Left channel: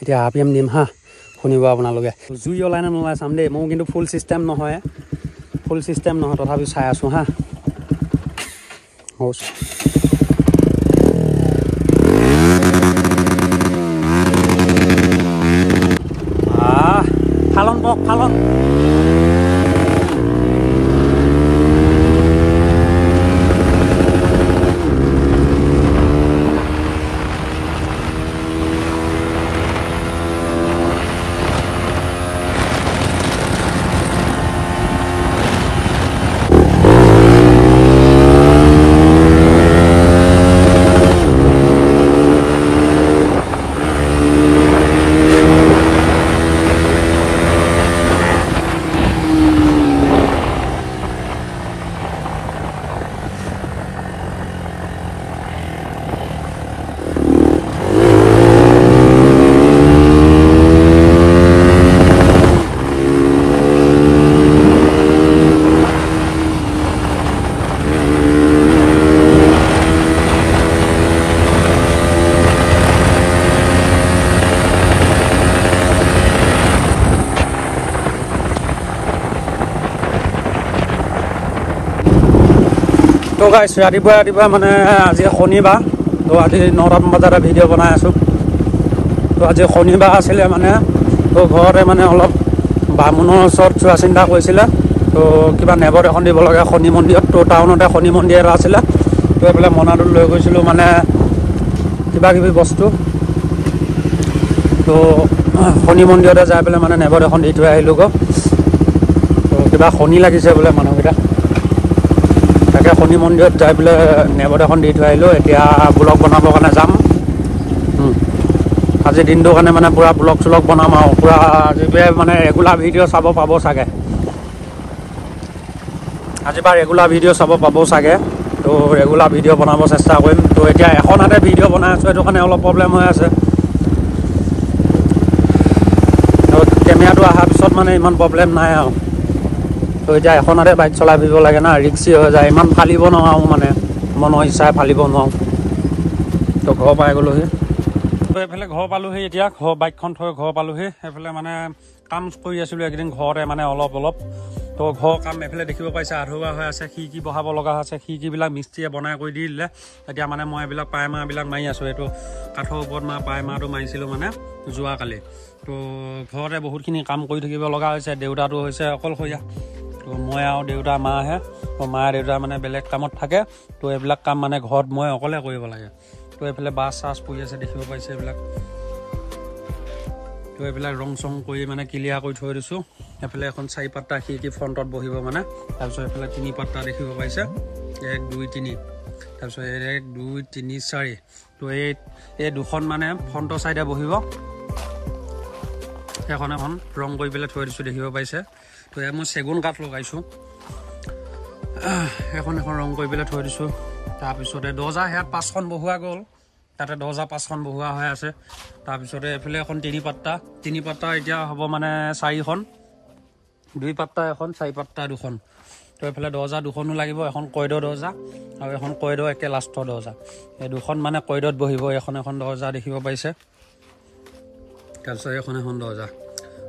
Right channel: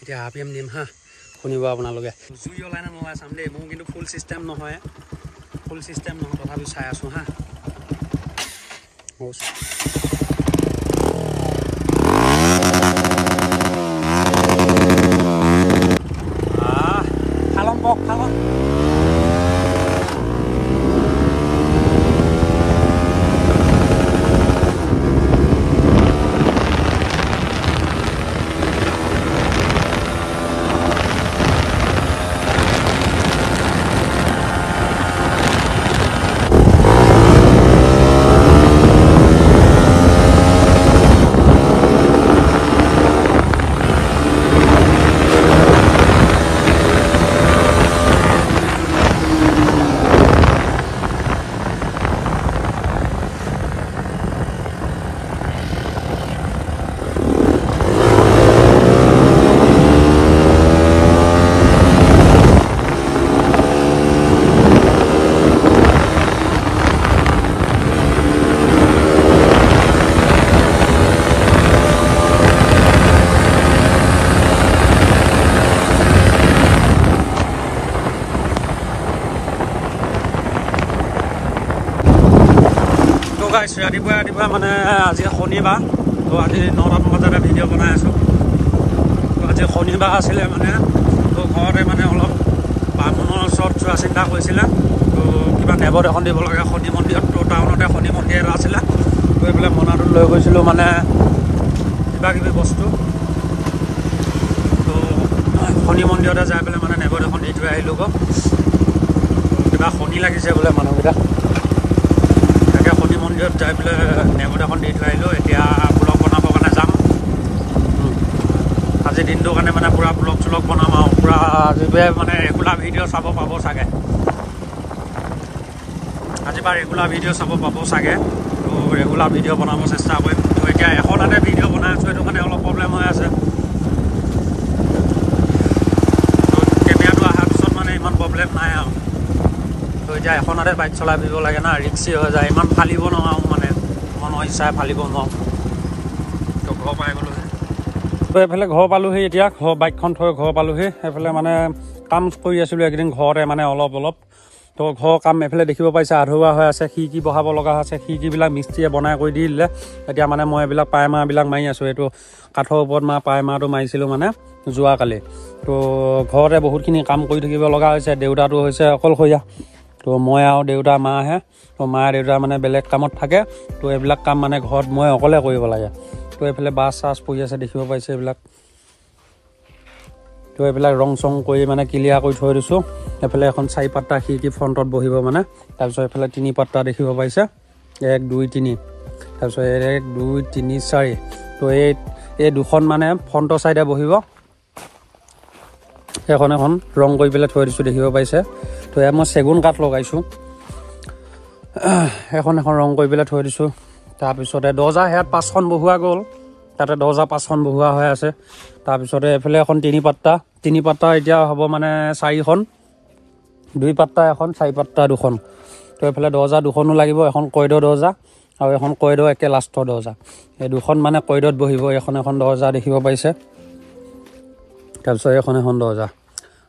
এতিয়া RPM দিম হা শুনিব আপোনালোকে জুই ওলাই নে নোলাই চাম দেই মোৰ কিন্তু ফুল চিষ্টেম নহয় তথাপি চাই আছোঁ হা খালন তো গাইছ ৰাতিপুৱা মানে আজি শনিবাৰ তো আজি 9টামান বজাতে ভিডিঅ' বনাই আছোঁ তো আজি শনিবাৰ আছিলে মানে তো ঘৰতে মানে অলপ বামুণৰ ওচৰত চোৱা চিন্তা কৰিছিলে তো কিবা নেবত এখন দিব লগা শনি মন্দিৰত তো টাউনতে শনি মন্দিৰ এটা আছিলে তো এইফালে মনাটোত লৈ গৈছিলোঁ মানে কিবা কিবি বস্তু তো শনি মন্দিৰতে যাই পেলাই মানে নেবত এখন দি থৈ আহিলোঁ গৈ তো কিবা শনি লাগিছে বোলে মানুহকেইটা তাকে শনি মন্দিৰত যাই পেলাই নেবত এখন দি থৈ আহিলোঁ এতিয়া ব্লগ বনাবৰ কাৰণে যাম আজি দিনটোৰ কাৰণে মানে পূৰা ব্লগ চলগ বনাম আৰু পূৰা আজিৰপৰা মানে ৰেগুলাৰ ভিডিঅ' চাব পাব চাগে আজিৰপৰা ৰেগুলাৰ ভিডিঅ' চাব পাব চাগে তো ৰেগুলাৰ ভিডিঅ' বনাব চেষ্টা কৰিম তো এতিয়া এখন হাতে ভিডিঅ' বনাই আছোঁ সেইটো কাৰণে অলপ প্ৰব্লেম হৈ আছে তো কেমেৰাটো অহাৰ পিছত মানে ইমান প্ৰব্লেম নাই আৰু তো এতিয়া এখন হাতে বাইক চলাই ফুৰিব লাগে না ৰিক্সি হৈ যায় ইমান ফালিব নোৱাৰোঁ মানে মনৰ ইচ্ছাই ফালিব নোৱাৰোঁ তো ঘৰ পাই গ'লোহি তো এইফালে ঘৰ পালোহি এতিয়া বাইকখন থৈ ঘৰ পালোহি এইফালে মানে কাম কৰি আছিলোঁ এইকেইদিন ঘৰতে মানে অলপ তো ঘৰৰ কাম এইফালে দেখিব পাইছে আধৰুৱা হৈ আছে খিৰিকী বহাব লগা আছে খিৰিকীবিলাক মিস্ত্ৰীয়ে বনাই কৰি দি দিলে এতিয়া মানে মই এইবিলাক পাইমাৰবিলাক মাৰি আছোঁ এইটো কাঠৰ ওপৰত পাইমাৰটো মাৰিছিলোঁ মানে যোৱাকালি তো ঘৰতে বহুতখিনি কাম কৰি থাকিব লগা হৈছে দেউতাটো হৈছে অকলশৰীয়া তো মই আৰু দেউতা মাহে তো মা দেউতা মানে বেলেগ কামত থাকে তো এইবিলাক কাম মানে ঘৰত মই অকলে কৰিব লাগে তো এইফালে বাছ চাছ পৰি আছে দেখিব পাইছে এইবিলাক তো এইবিলাক ৰং চং কৰি মানে ক্লিয়াৰ কৰি থৈ দিছোঁ এইফালে এখন 4 পাত্তা খিৰিকী ফ্ৰণ্টত বহিব মানে তাৰপিছত এইফালে 3 পাত্তা দেখিব পাইছে 1 2 3 তাৰপিছত 1 2 3 4 তো এই দুখন মানে ফ্ৰণ্টৰ চাইডে বহিব এখন ৰং কৰি পেলাই থৈ দিছোঁ দেখিব পাইছে তো ইয়াত মই চেগুন কাঠ লগাইছোঁ এখন ৰং কৰি পেলাই থৈ দিছোঁ তাৰপিছতে দৰ্জা সেয়াত 5খন বহুৱা গ'ল তাতে দৰ্জা 5খন বহুৱা হৈ আছে তাৰপিছতে এইফালে এখন 3 পাত্তা এতিয়া হ'ব মানে 4খন 2 পাত্তা এখন 4 পাত্তা 2খন তো এইফালে দৰ্জা 2খনো লাগিব এখন কয়দৰ দৰ্জা আৰু এখন কয়দৰ একে লাষ্টৰ দৰ্জা এই 2খন মানে কয়দত বহিব এখন দৰ্জা দেখিব পাইছে তাৰপিছত এখন দৰ্জা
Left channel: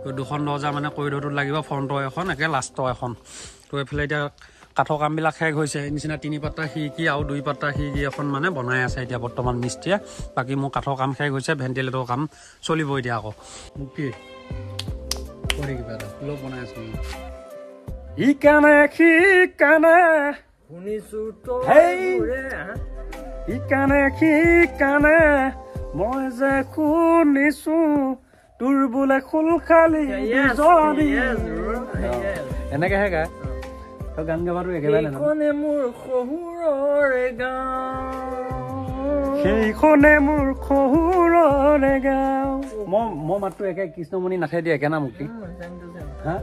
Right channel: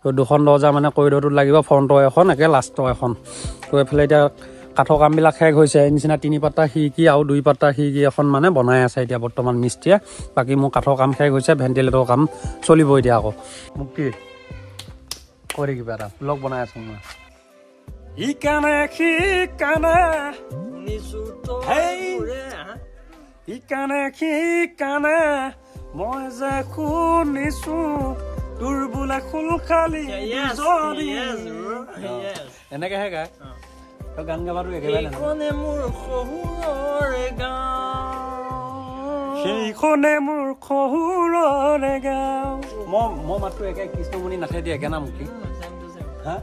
তো 2খন দৰ্জা মানে কয়দৰটোত লাগিব ফ্ৰণ্টৰ এখন একে লাষ্টৰ এখন তো এইফালে এতিয়া কাঠৰ কামবিলাক শেষ হৈছে এই নিচিনা 3 পাত্তা খিৰিকী আৰু 2 পাত্তা খিৰিকী এখন মানে বনাই আছে এতিয়া বৰ্তমান মিস্ত্ৰীয়ে বাকী মোৰ কাঠৰ কাম শেষ হৈছে ভেণ্টিলেটৰৰ কাম চলিব এতিয়া আকৌ মোক কি কৰি কিবা এটা ব্লগ বনাই আছোঁ ইকানে ইকানে মই যে শুনিছোঁ তোৰ বোলে খুল খালি এনেকেহে গায় তো গান গাবাটো একেবাৰে সেইখনে মোৰ শহুৰৰে গাঁও মই মাতটো একে কৃষ্ণমণি নাথে দিয়ে একে না মোক হা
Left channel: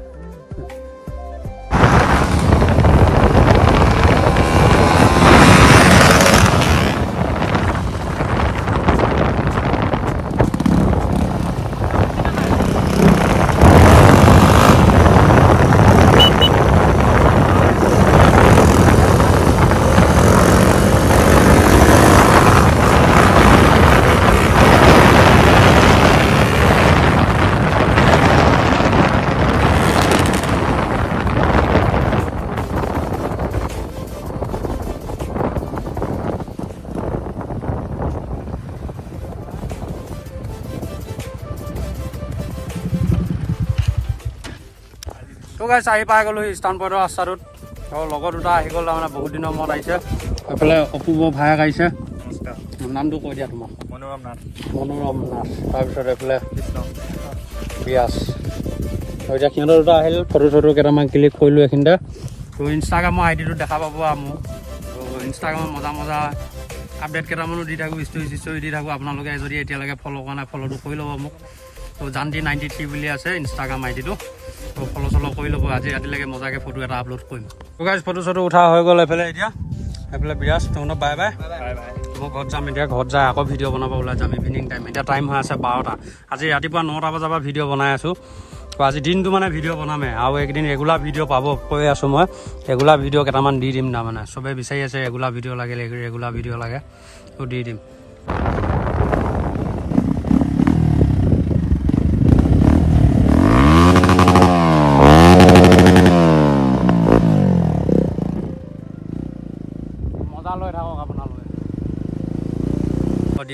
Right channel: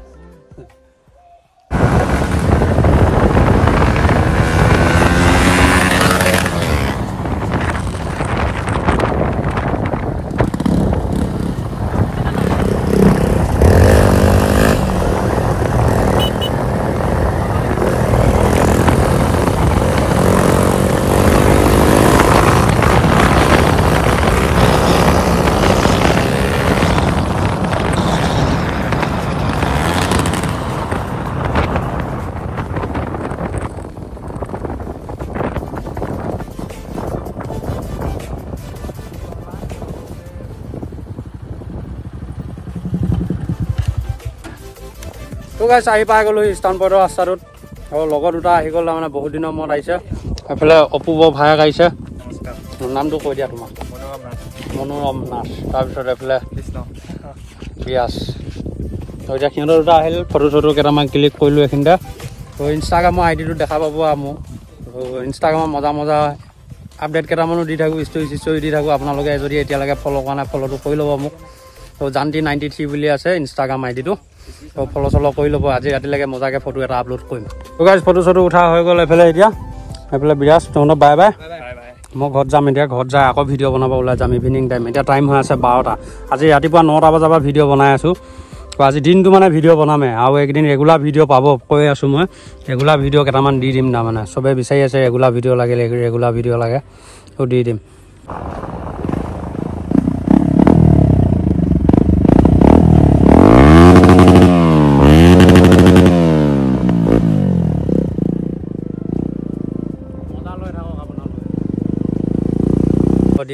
গাইছ আহি পাই গ'লো ইষ্টাৰ্ণ পইণ্টৰ ৰাস্তাটোত আৰু লগৰ দুটা আহি গ'ল তাৰমানে বহুত দিনৰ মূৰত আহিছে এইফালে অপূৰ্ব ভায়েক আহিছে নামটো কৈ দিয়া তোমাৰ মনোৰম নাথ তাৰপিছত এইফালে বিয়াস এতিয়া সিহঁতৰ দুটা আহিল ফটো চটো কেইটামান ক্লিক কৰিলোঁ এইখিনিতে তো ইনষ্টাগ্ৰামৰ আইডিটো দেখা পাব আৰু মোক ইনষ্টাগ্ৰামত মজা আপডেট কেইটামানো দি থাকোঁ ষ্টৰি দি থাকোঁ আপোনালোকে যদি এতিয়ালৈকে ফ'ল' কৰা নাই ফ'ল'টো কৰি ল'ব মোক তো জান্তি 93 বুলি আছে ইনষ্টাগ্ৰাম আইডিটো তো ফ'ল' চল' কৰি ল'ব আজি ৰাতিলৈকে মজাকৈ ফটো এটা আপলোড কৰিম তো গাইজ ফটো চটো উঠা হৈ গ'ল এইফালে এতিয়া এইফালে বিৰাজ তহঁতৰ বাই বাই মই ঘৰত যাম এতিয়া ঘৰত যাই আকৌ ভিডিঅ' বনাব ওলাই যাম ইভিনিং টাইম এতিয়া টাইম হৈ আছে 12টা আজি ৰাতিপুৱা 9টা বজাৰ পৰা ভিডিঅ' বনাই আছোঁ তো আজি দিনটো মানে ভিডিঅ' বনামে আৰু একদিন ৰেগুলাৰ ভিডিঅ' পাব কৈ আছোঁ মই ৰেগুলাৰ ভিডিঅ' কেইটামান দি দিম তাৰমানে চবেই বিচাৰি আছে ৰেগুলাৰ ভিডিঅ' লাগে ৰেগুলাৰ ভিডিঅ' লাগে তো দি দিম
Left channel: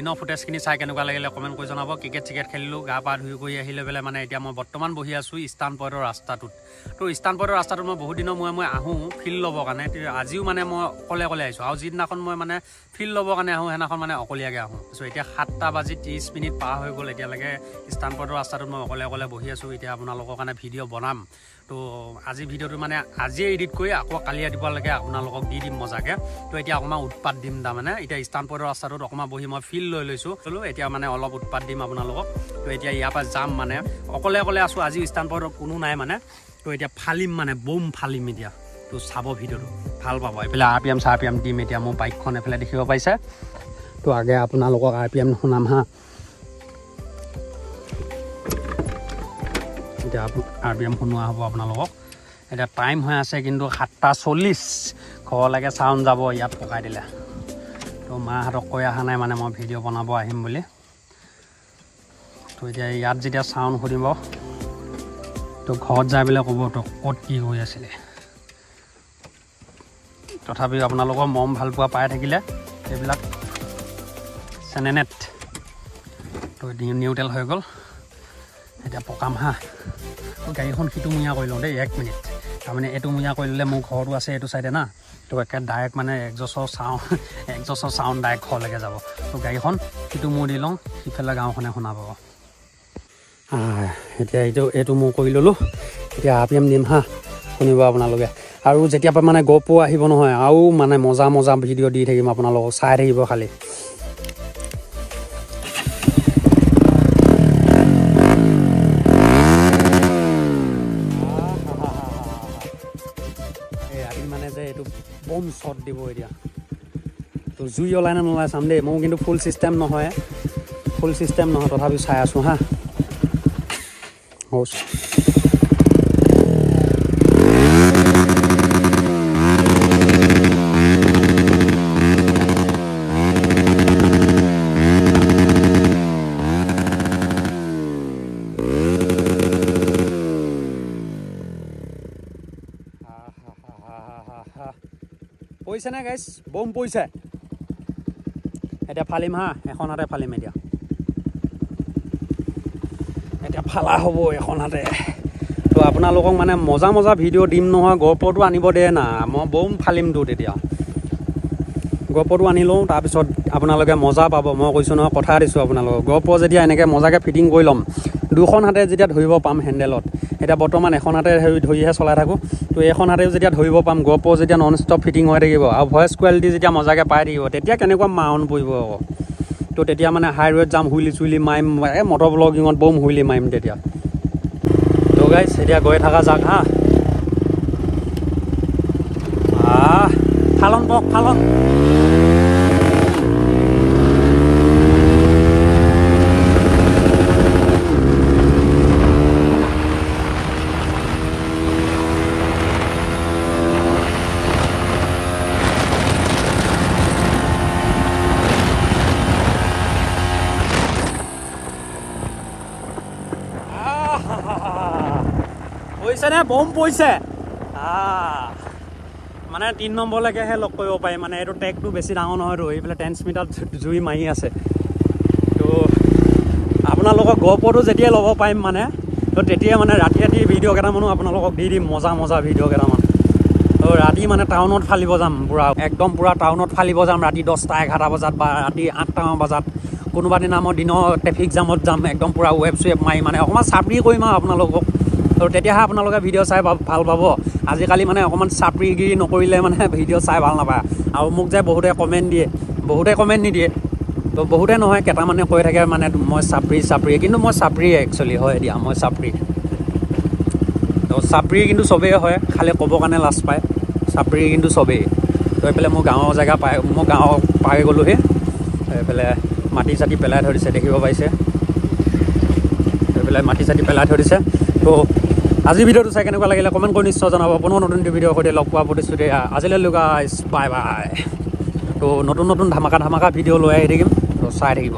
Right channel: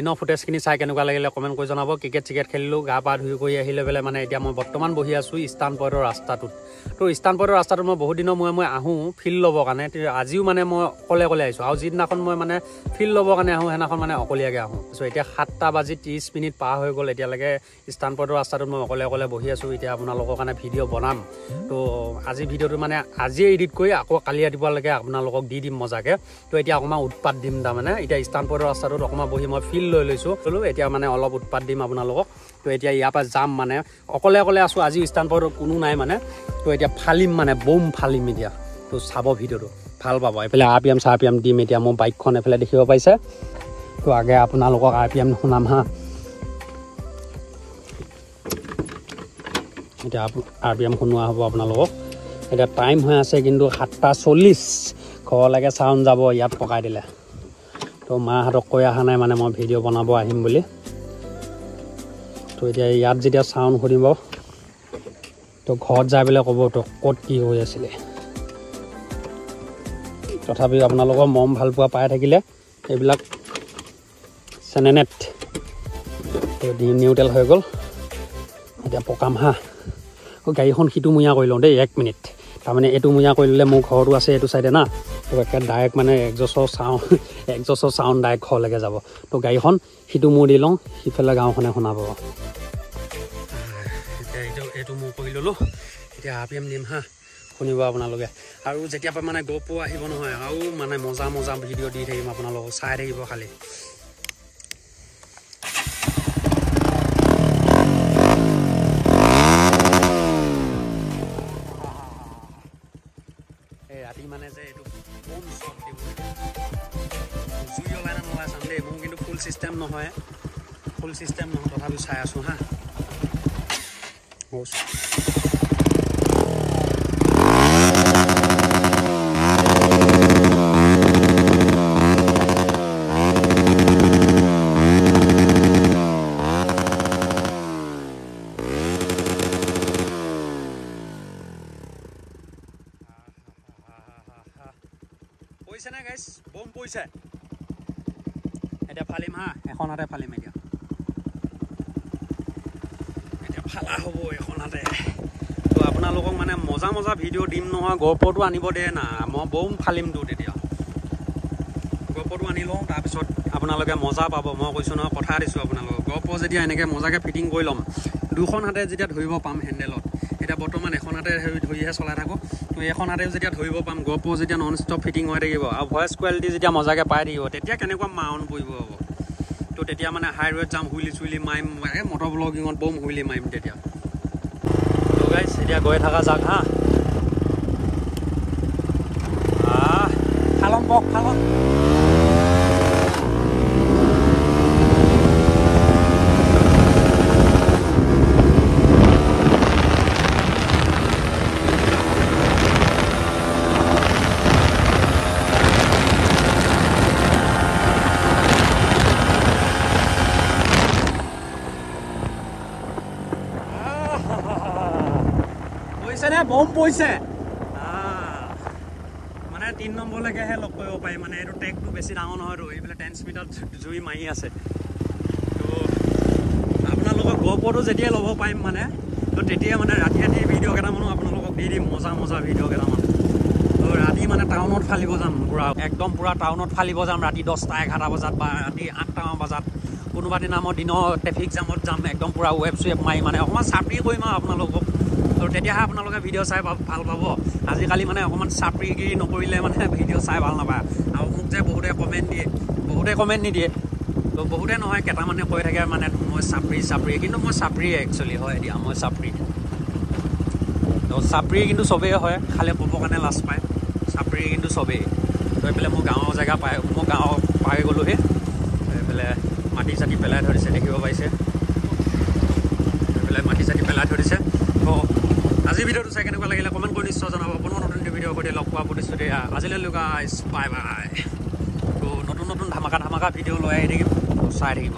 দিনৰ ফুটেজখিনি চাই কেনেকুৱা লাগিলে কমেণ্ট কৰি জনাব ক্ৰিকেট চিকেট খেলিলোঁ গা পা ধুই কৰি আহি লৈ পেলাই মানে এতিয়া মই বৰ্তমান বহি আছোঁ ইষ্টাৰ্ণ পইণ্টৰ ৰাস্তাটোত তো ইষ্টাৰ্ণ পইণ্টৰ ৰাস্তাটোত মই বহুত দিনৰ মই আহোঁ ফিল্ড ল'বৰ কাৰণে আজিও মানে মই অকলে আহিছোঁ আৰু যিদিনাখন মই মানে ফিল্ড ল'বৰ কাৰণে আহোঁ সেইদিনাখন মানে অকলীয়াকৈ আহোঁ চ' এতিয়া 7:30 পাৰ হৈ গ'ল এতিয়ালৈকে ইষ্টাৰ্ণ পইণ্টৰ ৰাস্তাটোত মই অকলে বহি আছোঁ এতিয়া আপোনালোকৰ কাৰণে ভিডিঅ' বনাম তো আজি ভিডিঅ'টো মানে আজিয়ে এডিট কৰি আকৌ কালি ৰাতিপুৱালৈকে আপোনালোকক দি দিম মজাকৈ তো এতিয়া অকণমান উৎপাত দিম তাৰমানে এতিয়া ইষ্টাৰ্ণ পইণ্টৰ ৰাস্তাটোত অকণমান বহি মই ফিল্ড লৈ লৈছোঁ এতিয়া মানে অলপ উৎপাত দিম আপোনালোকক তো এতিয়া ইয়াৰ পৰা যাম মানে অকলে আছোঁ আজি ইষ্টাৰ্ণ পইণ্টত কোনো নাই মানে তো এতিয়া ফালিম মানে বম ফালিম এতিয়া তো চাব ভিডিঅ'টো ভাল পাব এইফালে RPM দিম এতিয়া মোৰ বাইকখন এইফালে দেখিব পাইছে তো আগে আপোনালোকক RPM শুনাম হা এতিয়া RPM শুনোৱা হ'ব আপোনালোকক এতিয়া টাইম হৈ আছে কিন্তু 7:40 ঘৰলৈকে চাউণ্ড যাব ইয়াত পকাই দিলে তো মাহঁতক কৈ অহা নাই মানে মই ভিডিঅ' বনাব আহিম বুলি তো এতিয়া ইয়াত যেতিয়া চাউণ্ড শুনিব তো ঘৰত যাই পেলাই ক'ব তো ক'ত কি হৈ আছিলে তথাপিও আপোনালোকৰ মৰম ভাল পোৱা পাই থাকিলে এইবিলাক চেনেনেট তো নিউট্ৰেল হৈ গ'ল এতিয়া পকাম হা গাড়ীখন সিটো মুঞা কৰি লওঁ দেই 1 মিনিট তাৰমানে এইটো মুঞা কৰি ল'লে মোৰ ঘৰটো আছে এইটো চাইডে না তো একে ডাইৰেক্ট মানে একজছৰ চাউণ্ড ডাইৰেক্ট ঘৰলৈকে যাব তো গাড়ীখন সিটো মূৰ দি লওঁ সিফালে গাঁওখনে শুনা পাব এতিয়া এইটো মোৰ কৰি ল'লোঁ এতিয়া RPM দিম হা শুনিব আপোনালোকে আৰু যেতিয়া পৰা মানে GoPro আহিব নহয় আৰু মানে মজা ভিডিঅ' দি থাকিম আপোনালোকক চাই থাকিব খালি মানে যে এইটো বম শ্বট দিব এতিয়া জুই ওলাই নে নোলাই চাম দেই মোৰ কিন্তু ফুল চিষ্টেম নহয় তথাপিও চাই আছোঁ হা পইছে নে গাইছ বম পইছে এতিয়া ফালিম হা এখন হাতে ফালিম এতিয়া ফালা হ'ব এখন হাতে তো আপোনালোকক মানে মজা ভিডিঅ' দিম নহয় GoProটো আনিব দে না মই বম ফালিমতো তেতিয়া GoProটো আনি লওঁ তাৰপিছত আপোনালোকে মজা পাব মই কৈছোঁ নহয় কথা দিছোঁ আপোনালোকক GoPro যেতিয়া এনেকৈ মজাকৈ ফিটিং কৰি ল'ম দুখন হাতে যেতিয়া ধৰিব পাম হেণ্ডেলত এতিয়া বৰ্তমান এখন হাতে ধৰিহে চলাই থাকোঁ তো এখন হাতেও যেতিয়া ধৰিব পাম GoPro যেতিয়া নন ষ্টপ ফিটিং হৈ থাকিব আৰু ভইচ কোৱালিটি যেতিয়া মজাকৈ পাই থাকিব তেতিয়া কেনেকুৱা মাউণ্ট পৰিব আকৌ তো তেতিয়া মানে হাই ৰেট যাম হুইলি মাৰিম মটৰ ব্লগিঙত বম হুইলি মাৰিম তেতিয়া তো গাইছ এতিয়া গৈ থকা যাক হা খালন বম পইছে মানে 3 নম্বৰলৈকেহে লগ কৰিব পাৰি মানে এইটো টেগটো বেছি ডাঙৰ নহয়তো এইফালে 10 মিটাৰত জুই মাৰি আছে তো আপোনালোকৰ GoProটো যেতিয়াই ল'ব পাৰিম মানে তো তেতিয়া মানে ৰাতি ভিডিঅ' কেইটামানো আপোনালোকক দি দিম মজা ভিডিঅ' কেইটামান তো ৰাতি মানে টাউনত ফালিব যাম পূৰা একদম পূৰা টাউনত ফালিব যাম ৰাতি 10টা 11টা বজাত বা ৰাতি 8টামান বজাত কোনোবা দিনা মই দিনৰ ট্ৰেফিক জামত যাম একদম পূৰা ৱেব মাৰি মানে অকণমান চাপৰি কৰিম আৰু আপোনালোকক তো তেতিয়াহে আপোনালোকে ভিডিঅ' চাই ভাল পাব আজিকালি মানে অকণমান চাপৰিগিৰি নকৰিলে মানে ভিডিঅ' চাই ভাল নাপায় আৰু মোক যে বহুতে কমেণ্ট নিদিয়ে তো বহুতে নহয় কেইটামানে কৈ থাকে মানে মই চাপৰি কিন্তু মই চাপৰিয়ে একচুৱেলি হয় এতিয়া মই চাপৰি তো চাপৰি কিন্তু চবেই হয় খালি ক'বৰ কাৰণে লাজ পায় চাপৰি কিন্তু চবেই তো এইফালে মোৰ গাঁৱৰ জেগা মই গাঁৱৰ পাই গ'লোহি এইফালে মাটি চাটি পেলাই থৈ দিছে দেখিব পাইছে এইফালে মাটি চাটি পেলাই থৈ দিছে তো আজি ভিডিঅ'টো চাই কেনেকুৱা লাগিলে কমেণ্ট কৰি নিশ্চয় জনাব পুনৰ নতুন ভিডিঅ'ৰ সৈতে লগ পোৱা প্ৰতিশ্ৰুতি আজিলৈ গাইজ বাই বাই তো নতুন ধামাকা ভিডিঅ' লৈ আহি থাকিম তো চাই থাকিব